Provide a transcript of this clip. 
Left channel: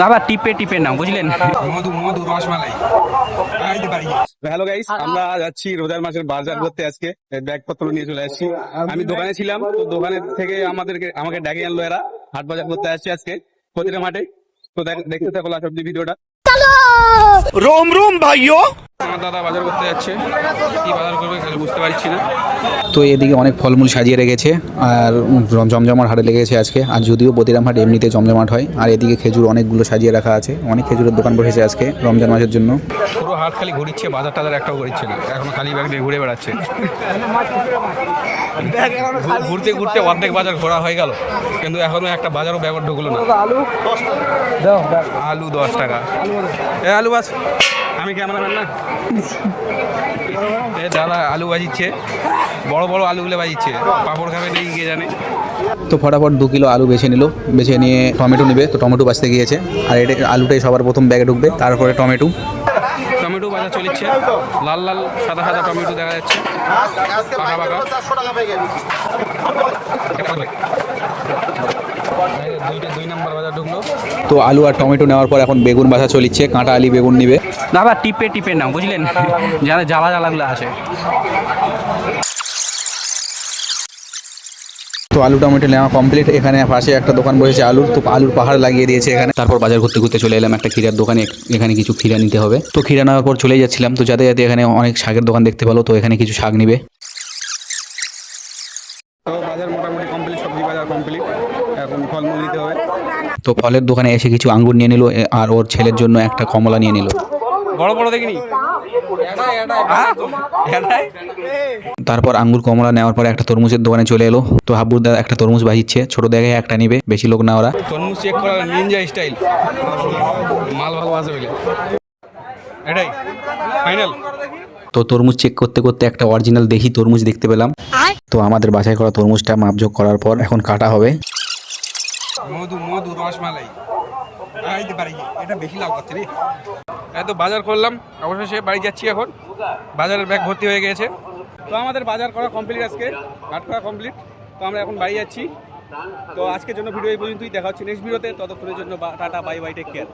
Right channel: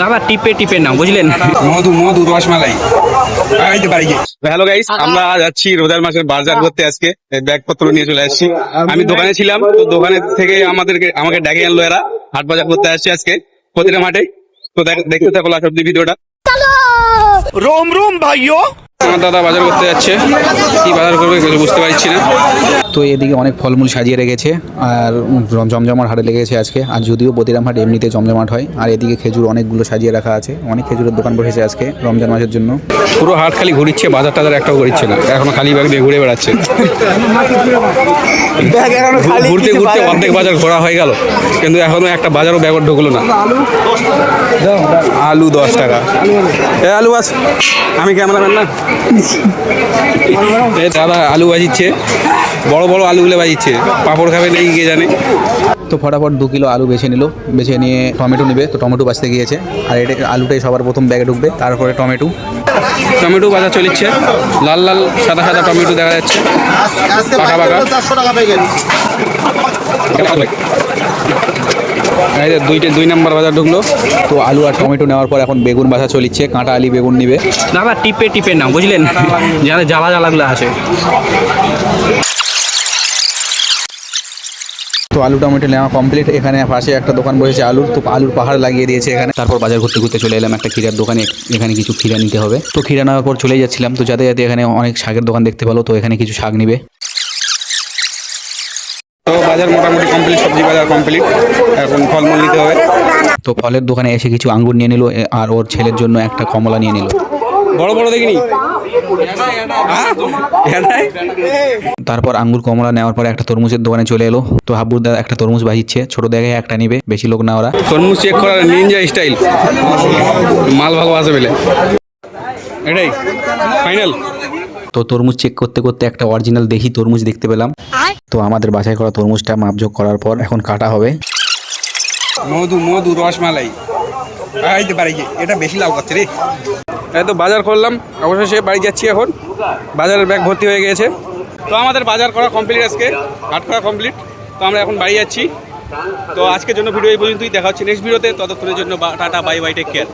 দাদা টিপে টিপে নাও, বুঝলেন? মধু মধু রসমালাই। হ্যালো গাইস, আমরা যাচ্ছি রোজার মাসের বাজার করতে। আজকে ব্যাগপত্র নিয়ে চলে আসছি। আমি দোকানে ছিলাম, তো দোকানের থেকে আমাকে ডেকে আনলো এরা। হাট বাজার করতে আসছি আজকে প্রতিটা মাঠে। তো দেখতে থাকো লাস্ট অব্দি ভিডিওটা। रोम रोम भाइयों। আমার দাদা বাজার করতে যাচ্ছে, কি বাজার করবে কিছু বুঝতে পারছি না। তো এদিকে অনেক ফলমূল সাজিয়ে রেখেছে আর জমজমাট হাটে লেগেছে আজকে। আর যদিও বদিরাম হাট এমনিতে জমজমাট হয়। আর এদিকে খেজুর অনেকগুলো সাজিয়ে রাখা আছে, অনেক খেজুরের দোকান বসেছে আজকে রমজান মাসের জন্য। পুরো হাট খালি ঘুরিচ্ছে, বাজার টাজার একটাও ঘুরিচ্ছে না, এখনো খালি ব্যাগ দিয়ে ঘুরে বেড়াচ্ছে। ঘুরতে ঘুরতে অর্ধেক বাজার ঘোরা হয়ে গেল, কিন্তু এখনো একটা বাজারও ব্যাগ ঢুকলো না। আলু 10 টাকা। আলু আস, আমি ক্যামেরাম্যান না। দাদা আলু ভাজিচ্ছে, বড় বড় আলুগুলো ভাজিচ্ছে। পাঁপড় খাবে নাকি কে জানে। তো ফটাফট 2 কিলো আলু বেছে নিল, বেছে নিয়ে টমেটো নেবে। তো টমেটো বাছতে গিয়েছে, আর এটা আলুটাই সবার প্রথম ব্যাগে ঢুকবে, তারপরে টমেটো। টমেটো বাজার চলিচ্ছে, লাল লাল সাদা সাদা টমেটো দেখা যাচ্ছে, পাকা পাকা। দুই নাম্বার বাজার ঢুকলো। তো আলু আর টমেটো নেওয়ার পর এখন বেগুন বাছা চলিচ্ছে, কাঁটা আলি বেগুন নিবে। দাদা টিপে টিপে নাও, বুঝলেন? যাতে জ্বালা জ্বালাগুলো আছে। তো আলু টমেটো নেওয়া কমপ্লিট। এখানে পাশে একটা দোকান বসেছে আলুর, তো আলুর পাহাড় লাগিয়ে দিয়েছে এখানে। তারপর বাজার ঘুরতে ঘুরতে চলে এলাম একটা ক্ষীরার দোকানে। এখানে কিছু ক্ষীরা নিতে হবে। তো ক্ষীরা নেওয়ার পর চলে যাচ্ছিলাম, তো যাতে যাতে এখানে অনেক শাকের দোকান দেখতে পেলো, তো এখানে কিছু শাক নিবে। তো বাজার মোটামুটি কমপ্লিট, সবজি বাজার কমপ্লিট, এখন ফলমূল নিতে হবে। তো ফলের দোকানে এসে কিছু আঙ্গুর নিয়ে নিল, আর ওর ছেলের জন্য একটা কমলা নিয়ে নিল। বড় বড় দেখিনি। তারপর আঙ্গুর কমলা নেওয়ার পরে একটা তরমুজের দোকানে চলে এলো। তো হাব্বুর দাদা একটা তরমুজ বাজিচ্ছে, ছোট জায়গায় একটা নিবে, বেশি লোক না ওরা। তরমুজ চেক করার নিনজা স্টাইল, মাল ভালো আছে বলে এটাই ফাইনাল। তো তরমুজ চেক করতে করতে একটা অরিজিনাল দেশি তরমুজ দেখতে পেলাম। তো আমাদের বাছাই করা তরমুজটা মাপযোগ করার পর এখন কাটা হবে। মধু মধু রসমালাই। এটা বেশি লাভ করছে রে। এই তো বাজার করলাম, অবশেষে বাড়ি যাচ্ছি এখন। বাজারের ব্যাগ ভর্তি হয়ে গেছে। তো আমাদের বাজার করা কমপ্লিট, আজকে হাট করা কমপ্লিট। তো আমরা এখন বাড়ি যাচ্ছি। তো আজকের জন্য ভিডিও এই পর্যন্তই, দেখা হচ্ছে নেক্সট ভিডিওতে। ততক্ষণের জন্য tata, bye bye, take care.